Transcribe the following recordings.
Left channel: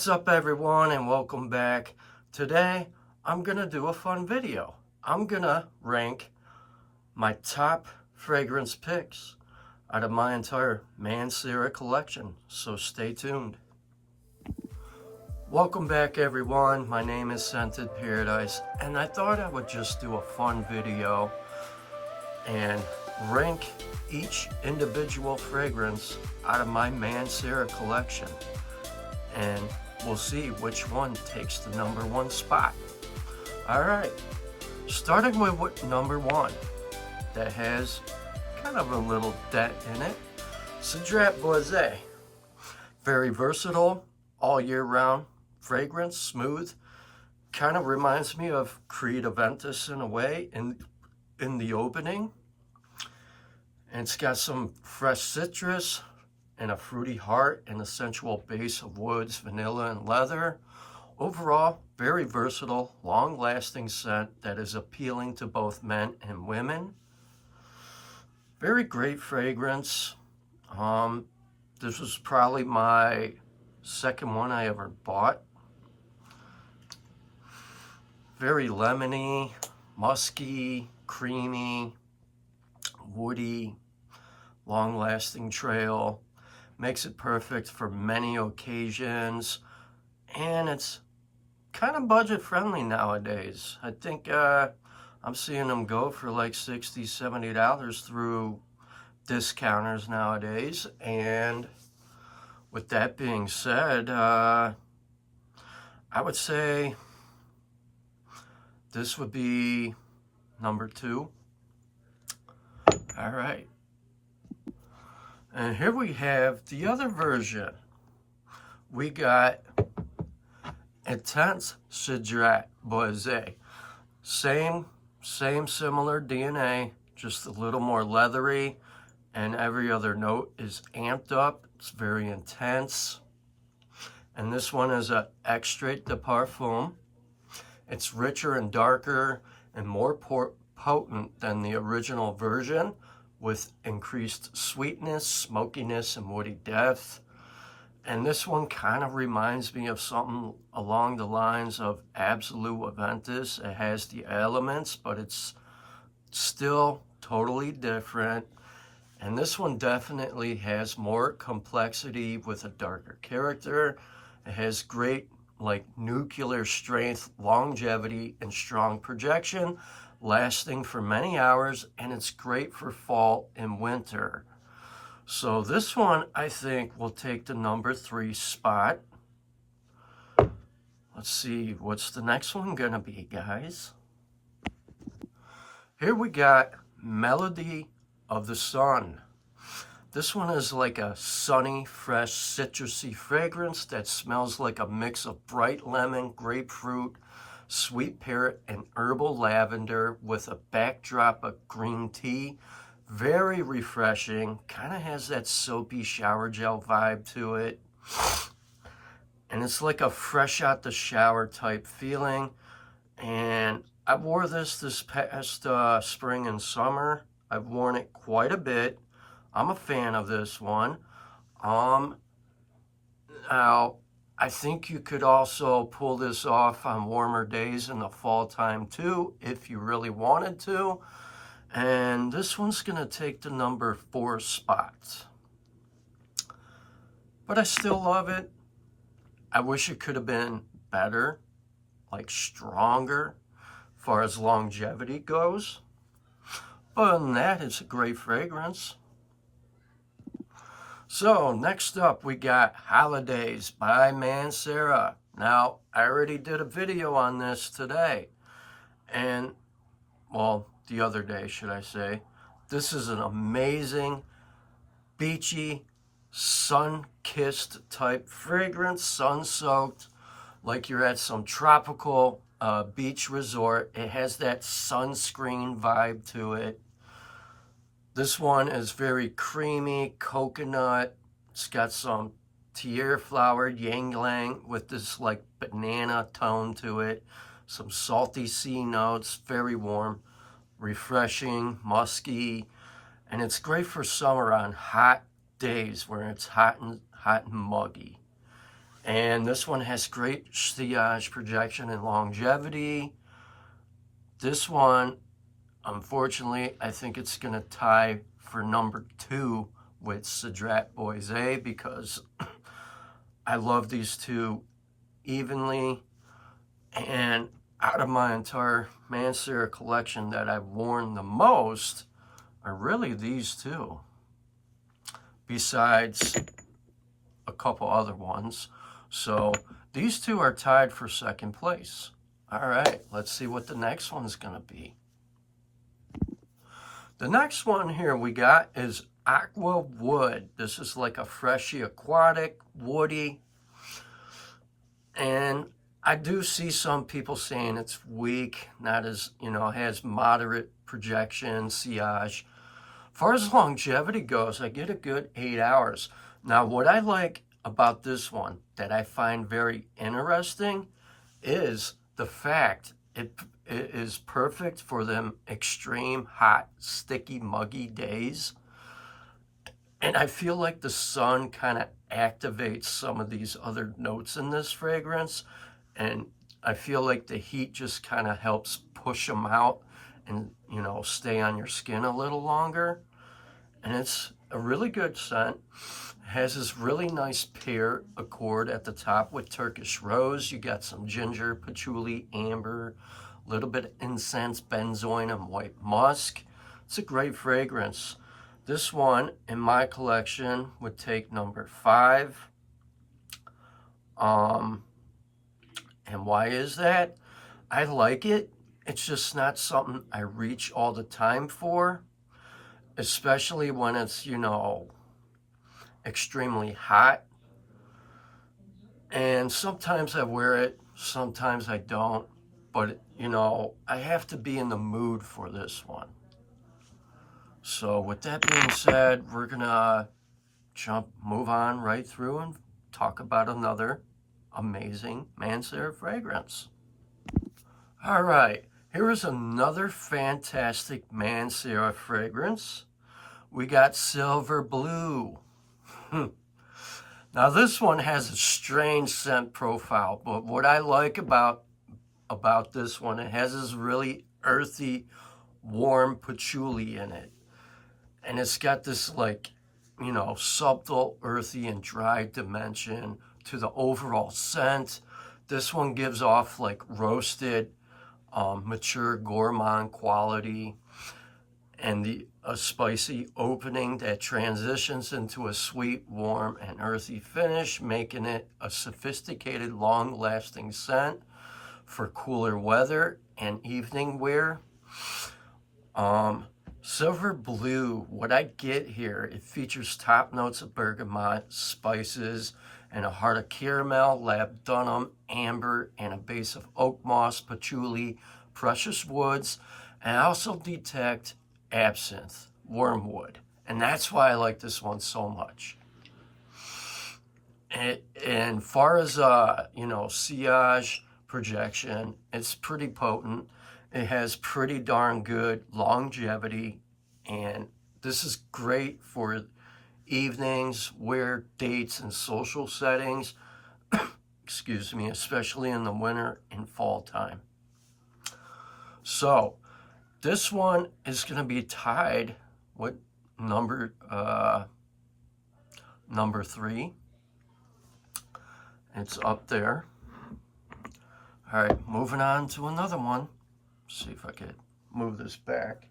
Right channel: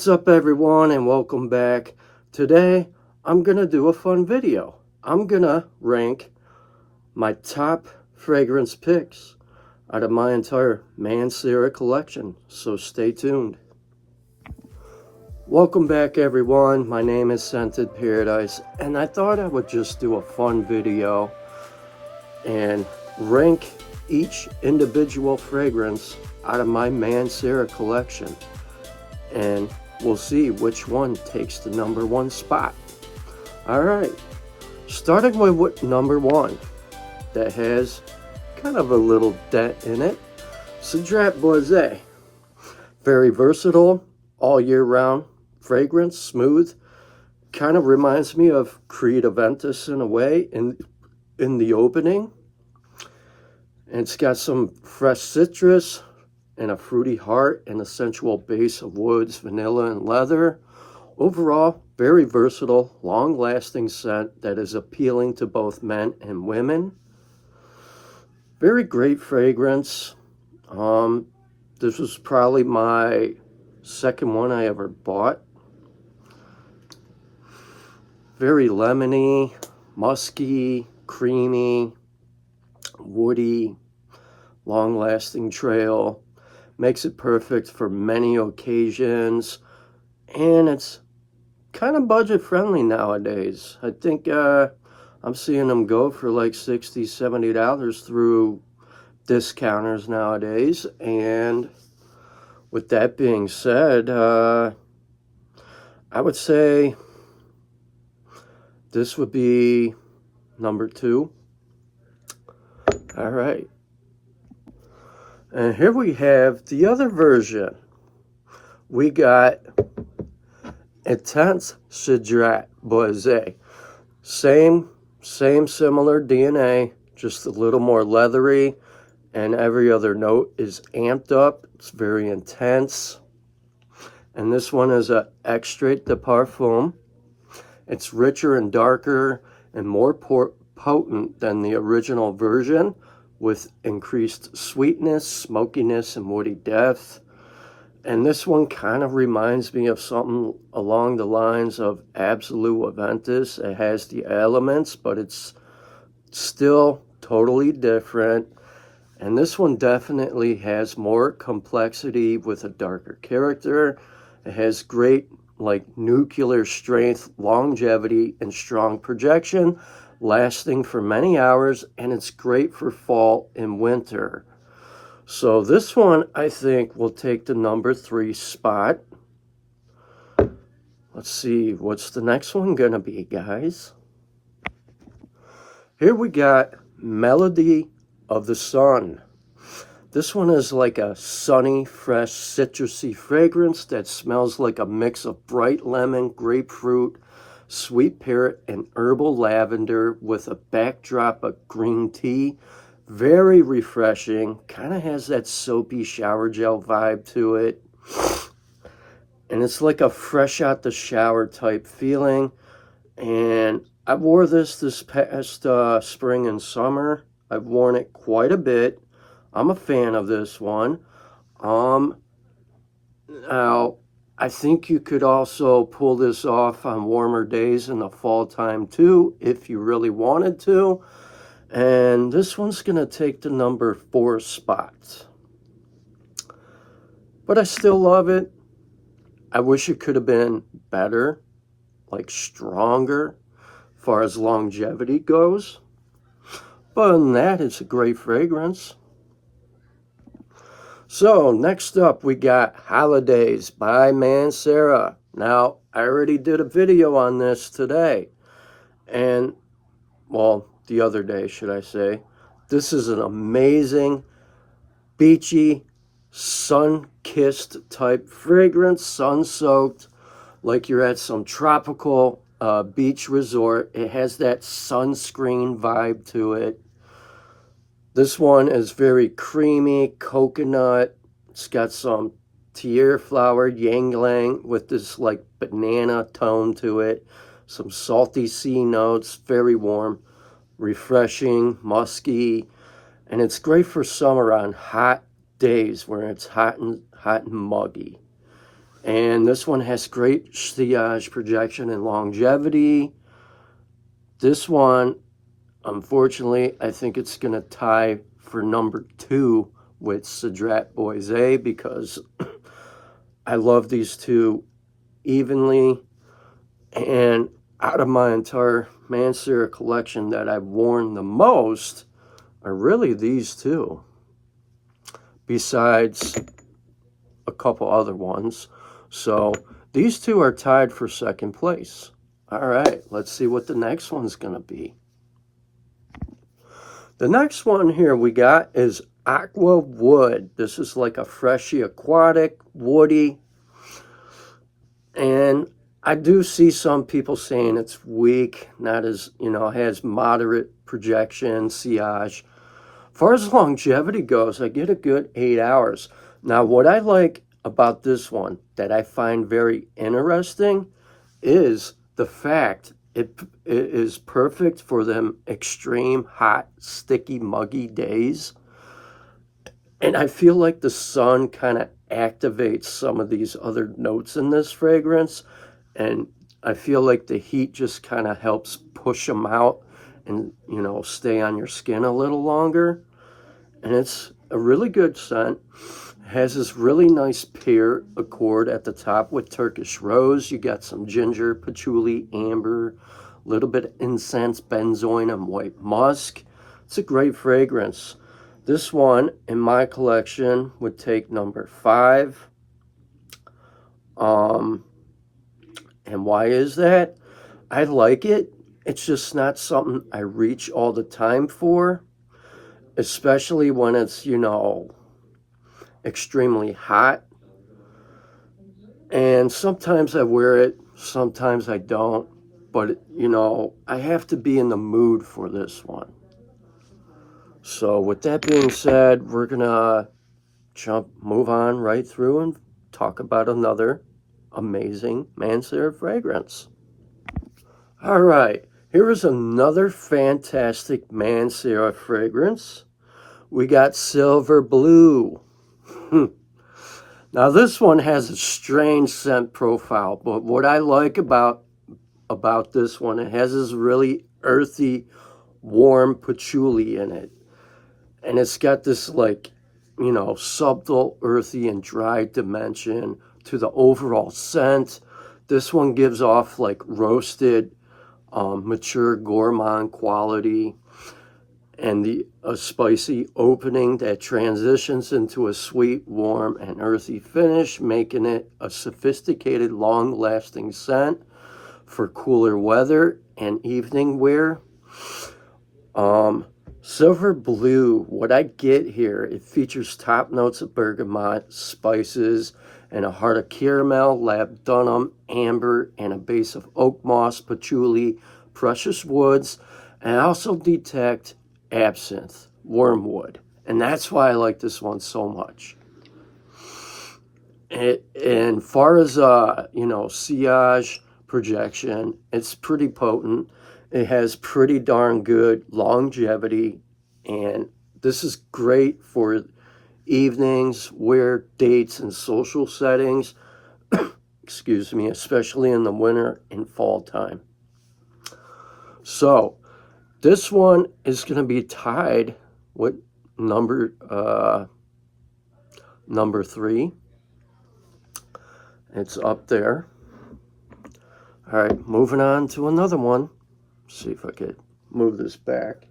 What's up everyone, and welcome back. Today I'm gonna do a fun video. I'm gonna rank my top fragrance picks out of my entire Mancera collection, so stay tuned. Welcome back everyone, my name is Scented Paradise, and I thought I would just do a fun video and rank each individual fragrance out of my Mancera collection, and we'll see which one takes the number one spot. Alright, starting with number one, that has kind of a little dent in it, Cedrat Boise. Very versatile, all year round fragrance, smooth, kind of reminds me of Creed Aventus in a way in the opening. And it's got some fresh citrus and a fruity heart and a sensual base of woods, vanilla, and leather. Overall, very versatile, long-lasting scent that is appealing to both men and women. Very great fragrance. This was probably my second one I ever bought. Very lemony, musky, creamy, woody, long-lasting trail. Makes it perfect for many occasions, and it's kind of budget friendly nowadays. I think I'm seeing them go for like $60, $70 through discounters nowadays. And with that being said, I would say this would be number two. All right. And here we have the other version. We got Intense Cedrat Boise. Same similar DNA, just a little more leathery, and every other note is amped up. It's very intense. And this one is a Extrait de Perfume. It's richer and darker and more potent than the original version, with increased sweetness, smokiness, and woody depth. And this one kind of reminds me of something along the lines of Absolute Aventus. It has the elements, but it's still totally different. And this one definitely has more complexity with a darker character. It has great, like, nuclear strength, longevity, and strong projection, lasting for many hours, and it's great for fall and winter. So this one, I think, will take the number three spot. Let's see, what's the next one gonna be, guys? Here we got Melody of the Sun. This one is like a sunny, fresh, citrusy fragrance that smells like a mix of bright lemon, grapefruit, sweet pear, and herbal lavender with a backdrop of green tea. Very refreshing. Kind of has that soapy shower gel vibe to it. And it's like a fresh out the shower type feeling. And I wore this past spring and summer. I've worn it quite a bit. I'm a fan of this one. Now, I think you could also pull this off on warmer days in the fall time too, if you really wanted to. And this one's gonna take the number four spot. But I still love it. I wish it could have been better, like stronger, as far as longevity goes. But other than that, it's a great fragrance. So next up, we got Holidays by Mancera. Now, I already did a video on this today. And, well, the other day, should I say. This is an amazing, beachy, sun-kissed type fragrance, sun-soaked, like you're at some tropical beach resort. It has that sunscreen vibe to it. This one is very creamy, coconut. It's got some tier flower, ylang-ylang with this like banana tone to it. Some salty sea notes, very warm, refreshing, musky. And it's great for summer on hot days where it's hot and muggy. And this one has great sillage, projection, and longevity. This one, unfortunately, I think it's going to tie for number 2 with Cedrat Boise, because I love these two evenly. And out of my entire Mancera collection that I've worn the most are really these two, besides a couple other ones. So these two are tied for second place. All right, let's see what the next one's going to be. The next one here we got is Aqua Wood. This is like a freshy aquatic, woody. And I do see some people saying it's weak, not as, has moderate projection, sillage. As far as longevity goes, I get a good 8 hours. Now, what I like about this one that I find very interesting is the fact it is perfect for them extreme hot, sticky, muggy days. And I feel like the sun kind of activates some of these other notes in this fragrance. And I feel like the heat just kind of helps push them out and, stay on your skin a little longer. And it's a really good scent. It has this really nice pear accord at the top with Turkish rose. You got some ginger, patchouli, amber, a little bit of incense, benzoin, and white musk. It's a great fragrance. This one in my collection would take number 5. And why is that? I like it. It's just not something I reach all the time for, especially when it's, extremely hot. And sometimes I wear it, sometimes I don't. But, I have to be in the mood for this one. So with that being said, we're going to move on right through and talk about another amazing Mancera fragrance. All right, here is another fantastic Mancera fragrance. We got Silver Blue. Now this one has a strange scent profile, but what I like about this one, it has this really earthy, warm patchouli in it. And it's got this subtle, earthy, and dry dimension to the overall scent. This one gives off roasted, mature gourmand quality, and a spicy opening that transitions into a sweet, warm, and earthy finish, making it a sophisticated, long-lasting scent for cooler weather and evening wear. Silver Blue, what I get here, it features top notes of bergamot, spices, and a heart of caramel, labdanum, amber, and a base of oak moss, patchouli, precious woods, and I also detect absinthe, wormwood. And that's why I like this one so much. And far as, sillage, projection, it's pretty potent. It has pretty darn good longevity, and this is great for evenings, wear, dates, and social settings, excuse me, especially in the winter and fall time. So this one is going to be tied with number 3. It's up there. All right, moving on to another one. See if I could move this back.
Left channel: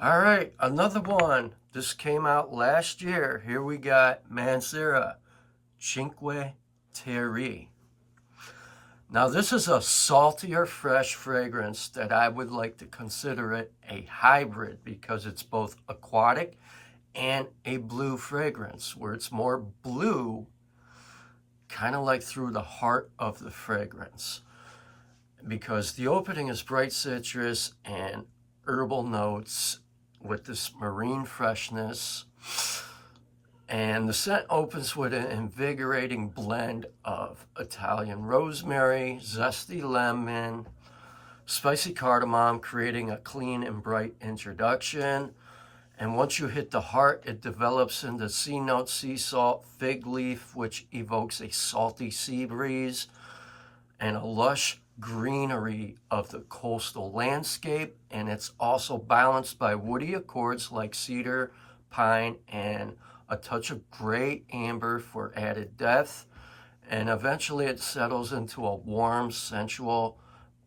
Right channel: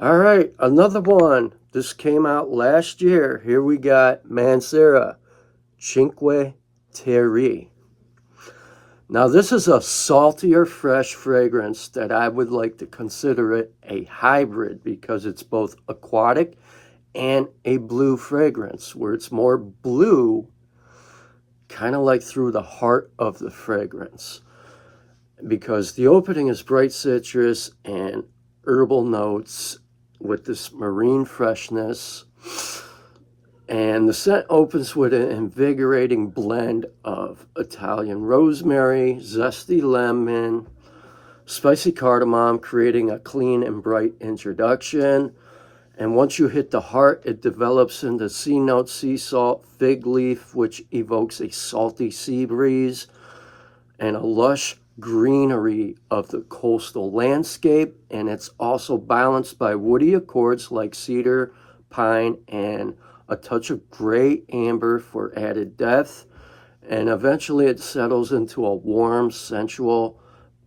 All right, another one. This came out last year. Here we got Mancera Cinque Terre. Now this is a saltier, fresh fragrance that I would like to consider it a hybrid, because it's both aquatic and a blue fragrance, where it's more blue, kind of like through the heart of the fragrance. Because the opening is bright citrus and herbal notes with this marine freshness. And the scent opens with an invigorating blend of Italian rosemary, zesty lemon, spicy cardamom, creating a clean and bright introduction. And once you hit the heart, it develops into sea note, sea salt, fig leaf, which evokes a salty sea breeze, and a lush greenery of the coastal landscape. And it's also balanced by woody accords like cedar, pine, and a touch of gray amber for added depth. And eventually it settles into a warm, sensual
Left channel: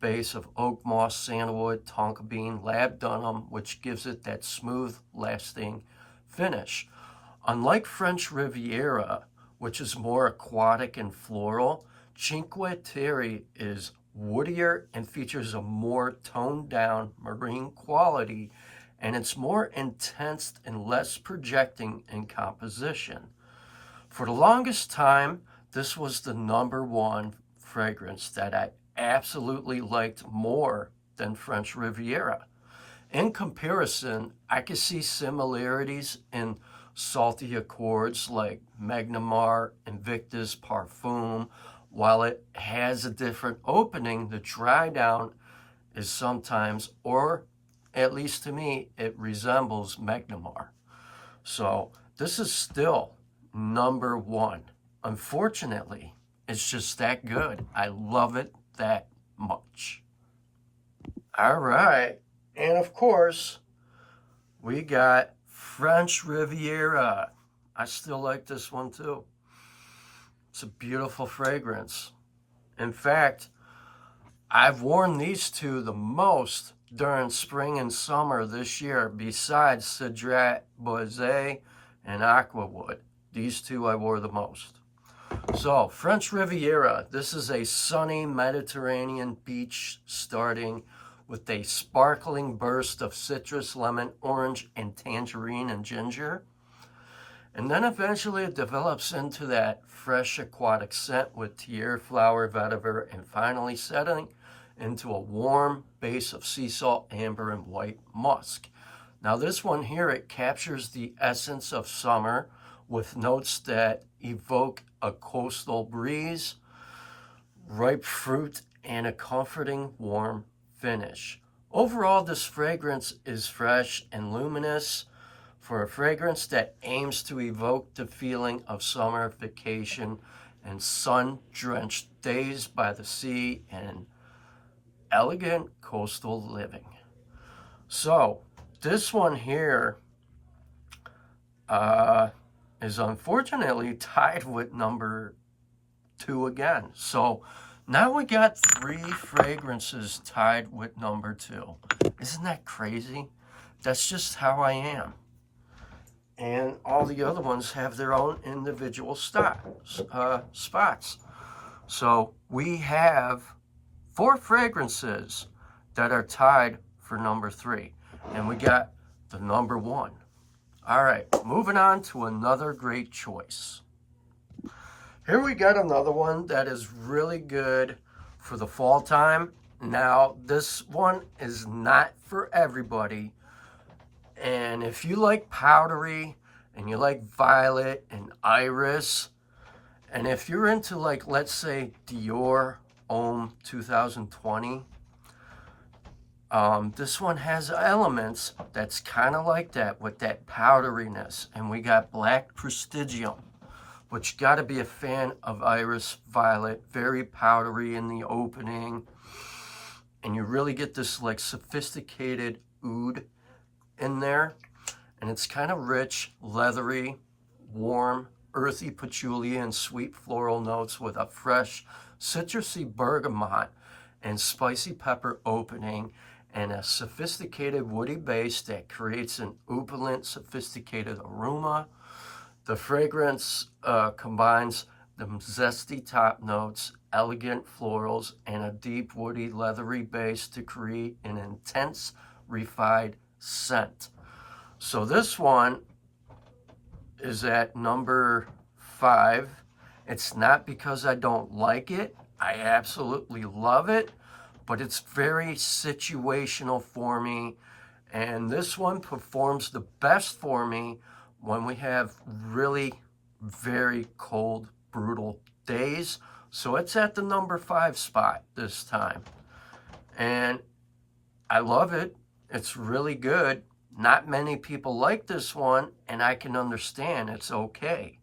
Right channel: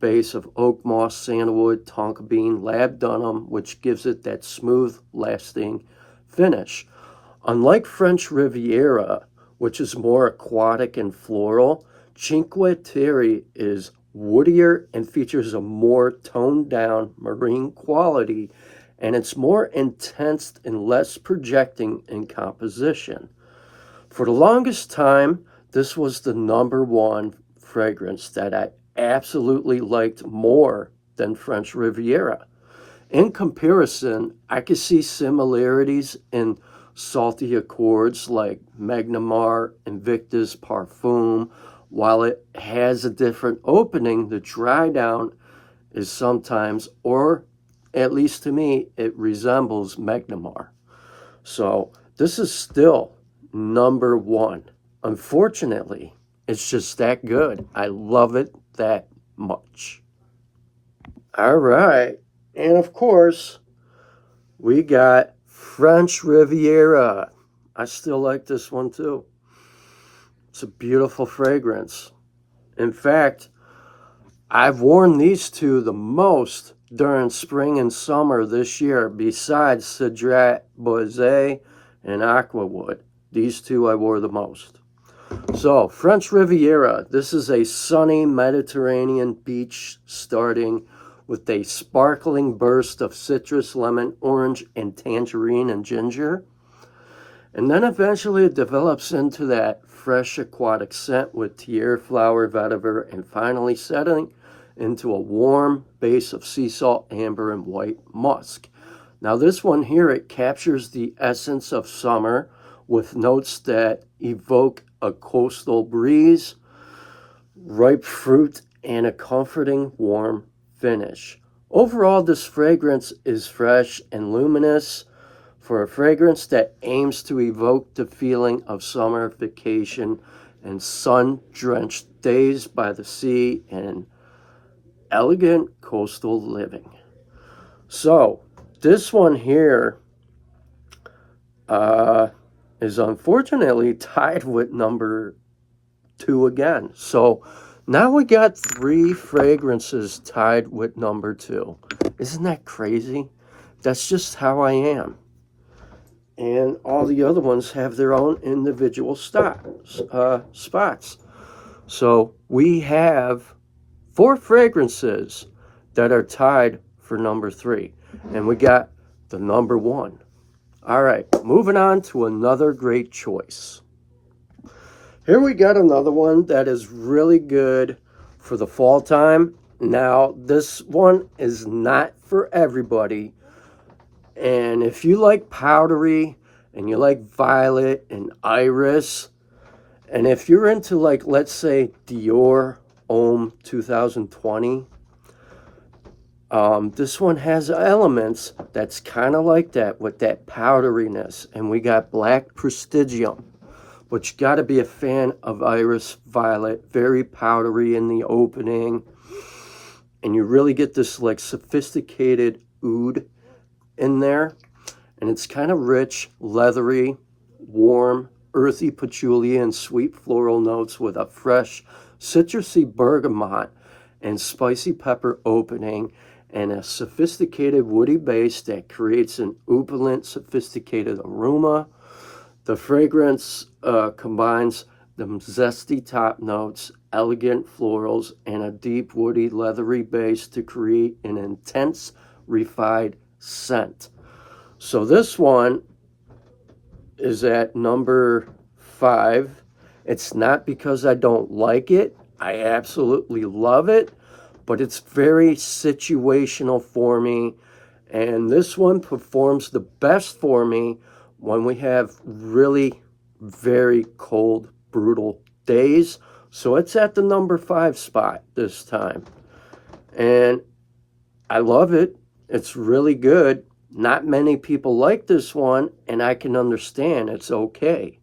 base of oak moss, sandalwood, tonka bean, labdanum, which gives it that smooth, lasting finish. Unlike French Riviera, which is more aquatic and floral, Cinque Terre is woodier and features a more toned down marine quality, and it's more intense and less projecting in composition. For the longest time, this was the #1 fragrance that I absolutely liked more than French Riviera. In comparison, I could see similarities in salty accords like Magnamar, Invictus, Perfume. While it has a different opening, the dry down is sometimes, or at least to me, it resembles Magnamar. So this is still #1. Unfortunately, it's just that good. I love it that much. All right. And of course, we got French Riviera. I still like this one too. It's a beautiful fragrance. In fact, I've worn these two the most during spring and summer this year, besides Cedrat, Boise, and Aqua wood. These two I wore the most. So, French Riviera. This is a sunny Mediterranean beach starting with a sparkling burst of citrus, lemon, orange, and tangerine and ginger. And then eventually it develops into that fresh aquatic scent with tiare, flower, vetiver, and finally settling into a warm base of sea salt, amber, and white musk. Now this one here, it captures the essence of summer with notes that evoke a coastal breeze, ripe fruit, and a comforting warm finish. Overall, this fragrance is fresh and luminous for a fragrance that aims to evoke the feeling of summer vacation and sun-drenched days by the sea and elegant coastal living. So this one here is unfortunately tied with #2 again. So now we got 3 fragrances tied with #2. Isn't that crazy? That's just how I am. And all the other ones have their own individual spots. So we have 4 fragrances that are tied for #3. And we got the #1. All right, moving on to another great choice. Here we got another one that is really good for the fall time. Now, this one is not for everybody. And if you like powdery and you like violet and iris, and if you're into, like, let's say Dior Homme 2020, this one has elements that's kind of like that with that powderiness. And we got Black Prestigium, but you got to be a fan of iris violet, very powdery in the opening. And you really get this like sophisticated oud in there. And it's kind of rich, leathery, warm, earthy patchouli and sweet floral notes with a fresh citrusy bergamot and spicy pepper opening, and a sophisticated woody base that creates an opulent, sophisticated aroma. The fragrance combines the zesty top notes, elegant florals, and a deep woody, leathery base to create an intense, refined scent. So this one is at #5. It's not because I don't like it. I absolutely love it, but it's very situational for me. And this one performs the best for me when we have really very cold, brutal days. So it's at the #5 spot this time. And I love it. It's really good. Not many people like this one, and I can understand. It's okay,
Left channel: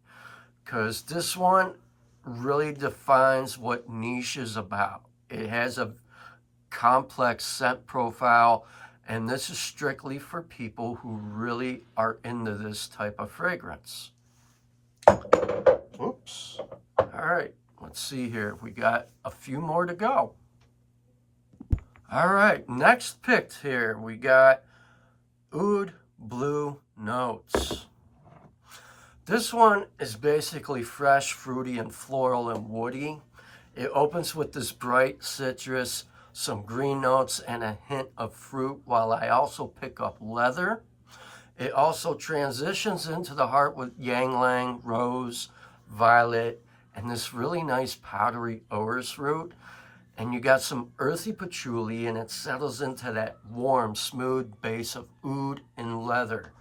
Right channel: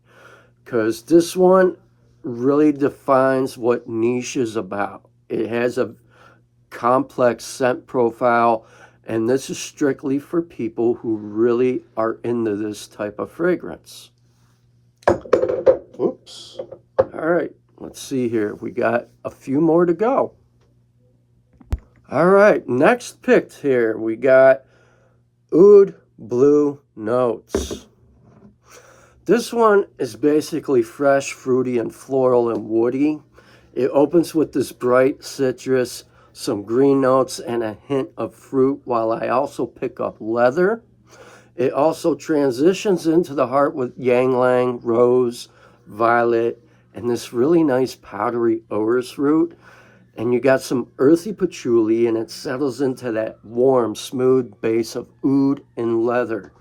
because this one really defines what niche is about. It has a complex scent profile, and this is strictly for people who really are into this type of fragrance. Oops. All right, let's see here. We got a few more to go. All right, next picked here, we got Oud Blue Notes. This one is basically fresh, fruity, and floral and woody. It opens with this bright citrus, some green notes, and a hint of fruit, while I also pick up leather. It also transitions into the heart with ylang-ylang, rose, violet, and this really nice powdery orris root. And you got some earthy patchouli, and it settles into that warm, smooth base of oud and leather.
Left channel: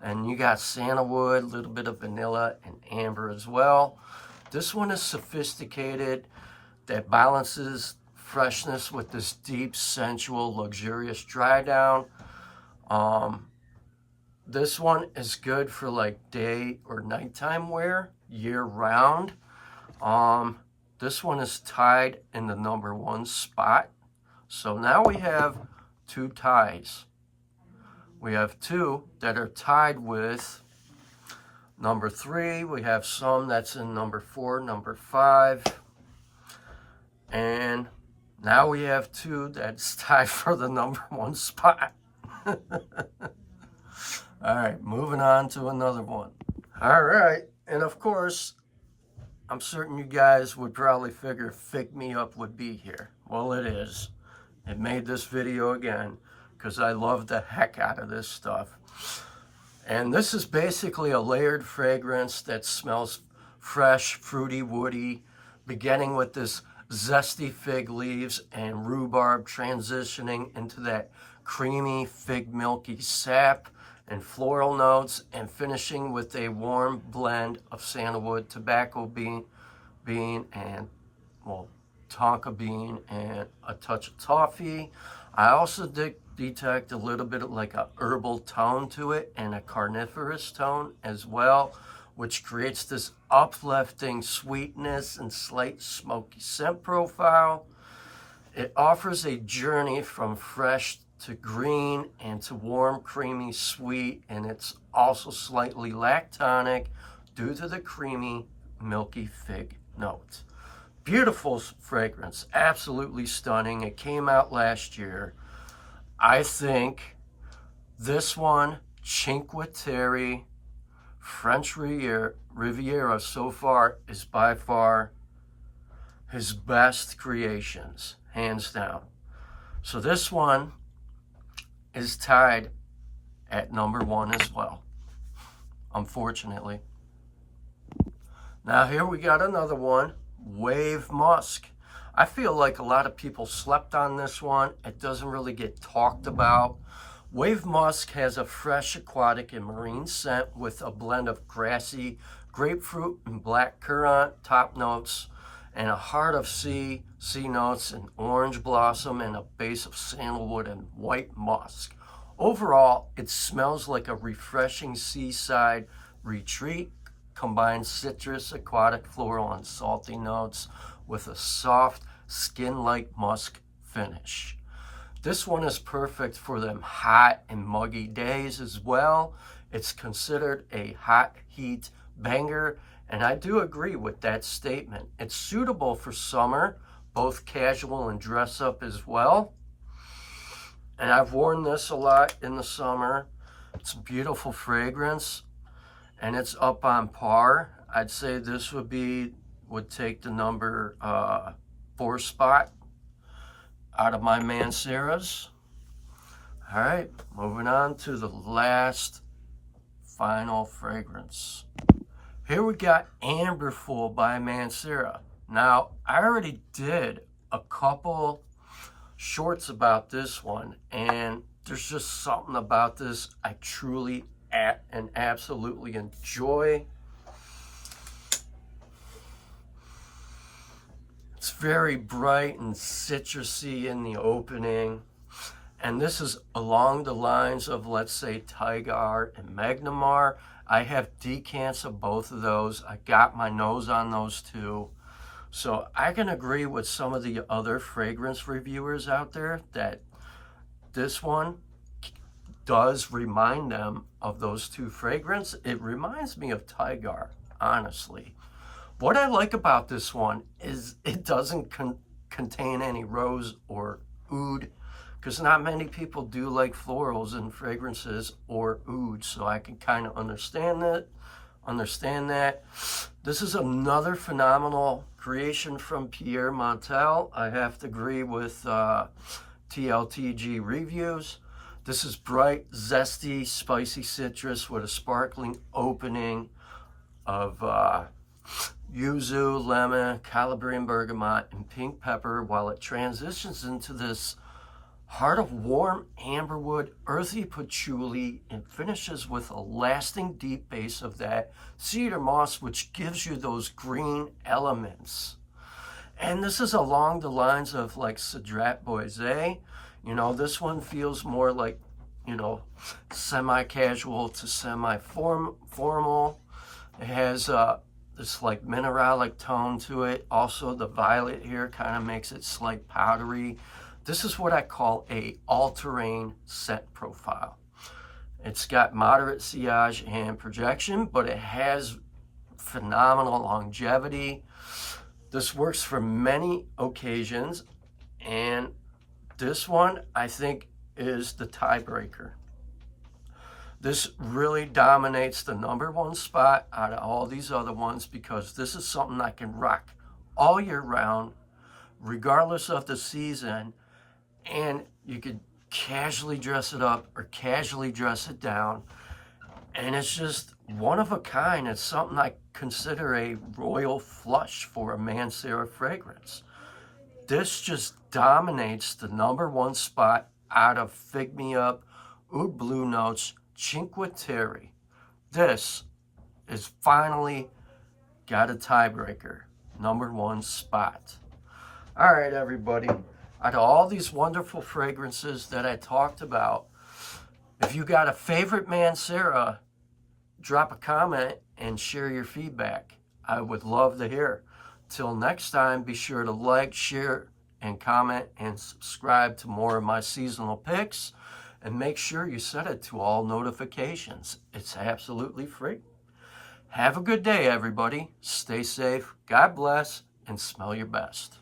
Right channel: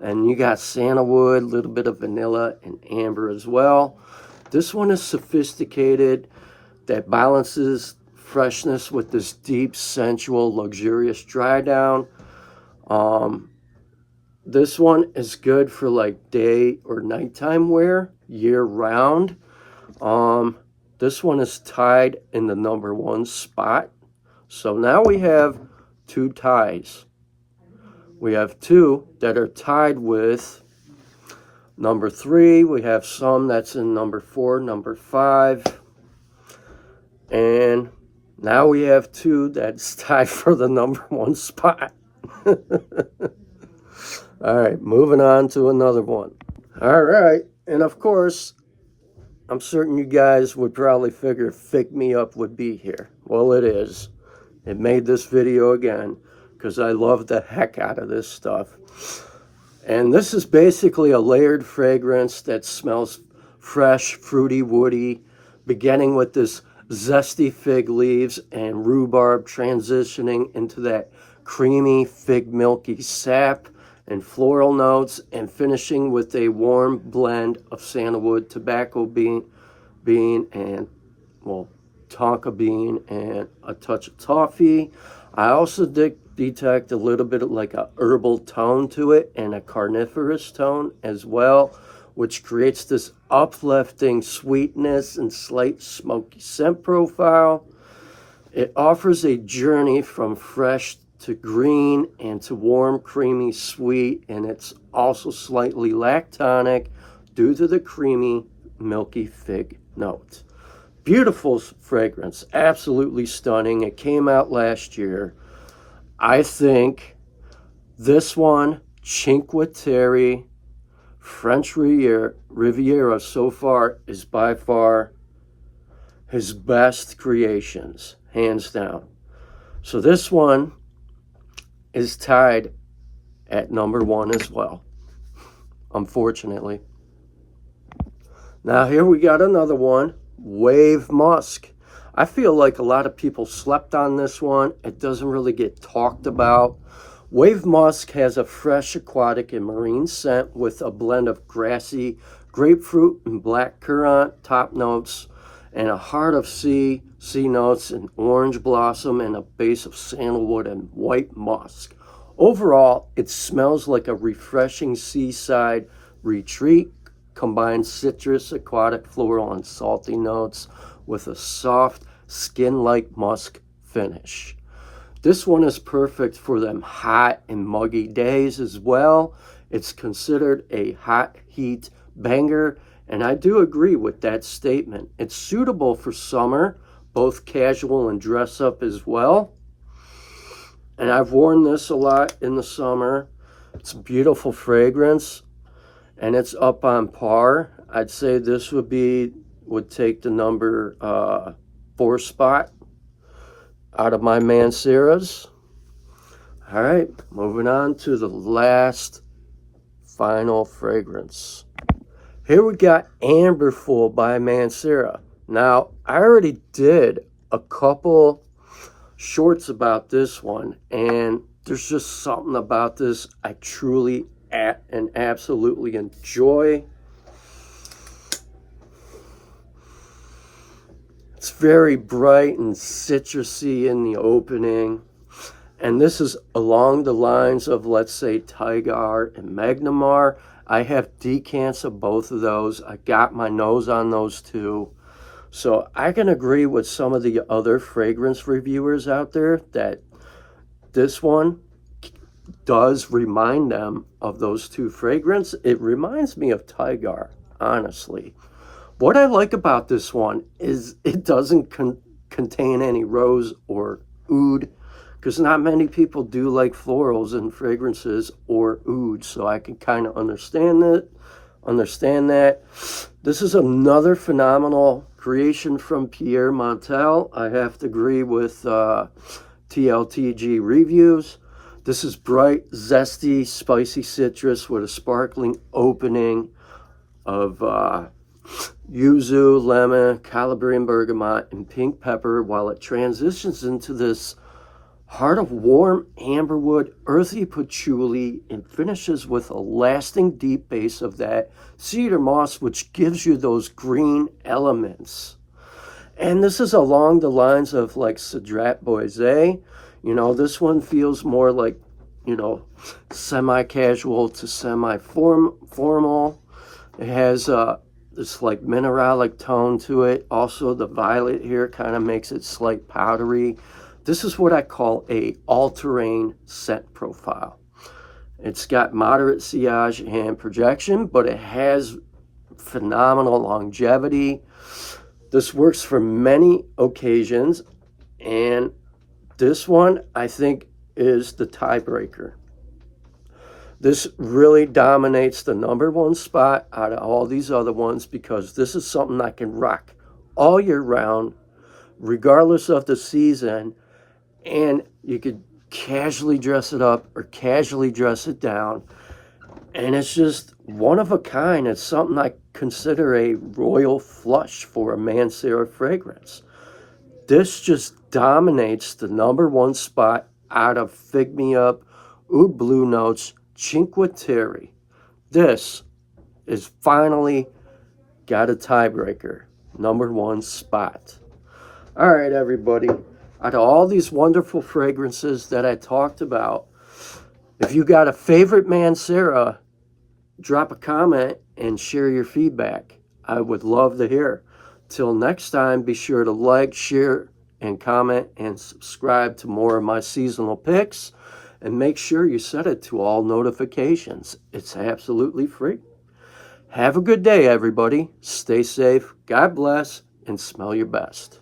And you got sandalwood, a little bit of vanilla, and amber as well. This one is sophisticated, that balances freshness with this deep, sensual, luxurious dry down. This one is good for like day or nighttime wear, year round. This one is tied in the #1 spot. So now we have 2 ties. We have 2 that are tied with #3. We have some that's in #4, #5. And now we have 2 that's tied for the #1 spot. All right, moving on to another one. All right, and of course, I'm certain you guys would probably figure Fig Me Up would be here. Well, it is. It made this video again because I love the heck out of this stuff. And this is basically a layered fragrance that smells fresh, fruity, woody, beginning with this zesty fig leaves and rhubarb, transitioning into that creamy, fig milky sap and floral notes, and finishing with a warm blend of sandalwood, tobacco bean and, well, tonka bean, and a touch of toffee. I also detect a little bit of like a herbal tone to it, and a carnivorous tone as well, which creates this uplifting sweetness and slight smoky scent profile. It offers a journey from fresh to green and to warm, creamy, sweet, and it's also slightly lactonic due to the creamy, milky fig note. Beautiful fragrance, absolutely stunning. It came out last year. I think this one, Cinque Terre, French Riviera so far is by far his best creations, hands down. So this one is tied at #1 as well, unfortunately. Now here we got another one, Wave Musk. I feel like a lot of people slept on this one. It doesn't really get talked about. Wave Musk has a fresh, aquatic, and marine scent with a blend of grassy, grapefruit, and black currant top notes, and a heart of sea notes, and orange blossom, and a base of sandalwood and white musk. Overall, it smells like a refreshing seaside retreat, combines citrus, aquatic, floral, and salty notes with a soft, skin-like musk finish. This one is perfect for them hot and muggy days as well. It's considered a hot heat banger, and I do agree with that statement. It's suitable for summer, both casual and dress up as well. And I've worn this a lot in the summer. It's a beautiful fragrance, and it's up on par. I'd say this would take the #4 spot out of my Manceras. All right, moving on to the last final fragrance. Here we got Amberful by Mancera. Now, I already did a couple shorts about this one, and there's just something about this I truly and absolutely enjoy. It's very bright and citrusy in the opening, And this is along the lines of, let's say, Tigar and Magnamar. I have decants of both of those. I got my nose on those too. So I can agree with some of the other fragrance reviewers out there that this one does remind them of those two fragrances. It reminds me of Tigar, honestly. What I like about this one is it doesn't contain any rose or oud, because not many people do like florals in fragrances or oud, so I can kind of understand that. This is another phenomenal creation from Pierre Montel. I have to agree with TLTG reviews. This is bright, zesty, spicy citrus with a sparkling opening of yuzu, lemon, Calabrian bergamot, and pink pepper, while it transitions into this heart of warm amberwood, earthy patchouli, and finishes with a lasting deep base of that cedar moss, which gives you those green elements. And this is along the lines of like Cedrat Boise. You know, this one feels more like, you know, semi-casual to semi-formal. It has this like mineralic tone to it. Also, the violet here kind of makes it slight powdery. This is what I call a all-terrain scent profile. It's got moderate sillage and projection, but it has phenomenal longevity. This works for many occasions, and this one I think is the tiebreaker. This really dominates the #1 spot out of all these other ones, because this is something I can rock all year round, regardless of the season, and you could casually dress it up or casually dress it down, and it's just one of a kind. It's something I consider a royal flush for a Mancera fragrance. This just dominates the #1 spot out of Fig Me Up, Oud Blue Notes, Cinque Terre. This is finally got a tiebreaker, #1 spot. All right, everybody. Out of all these wonderful fragrances that I talked about, if you got a favorite Mancera, drop a comment and share your feedback. I would love to hear. Till next time, be sure to like, share, and comment, and subscribe to more of my seasonal picks. And make sure you set it to all notifications. It's absolutely free. Have a good day, everybody. Stay safe, God bless, and smell your best.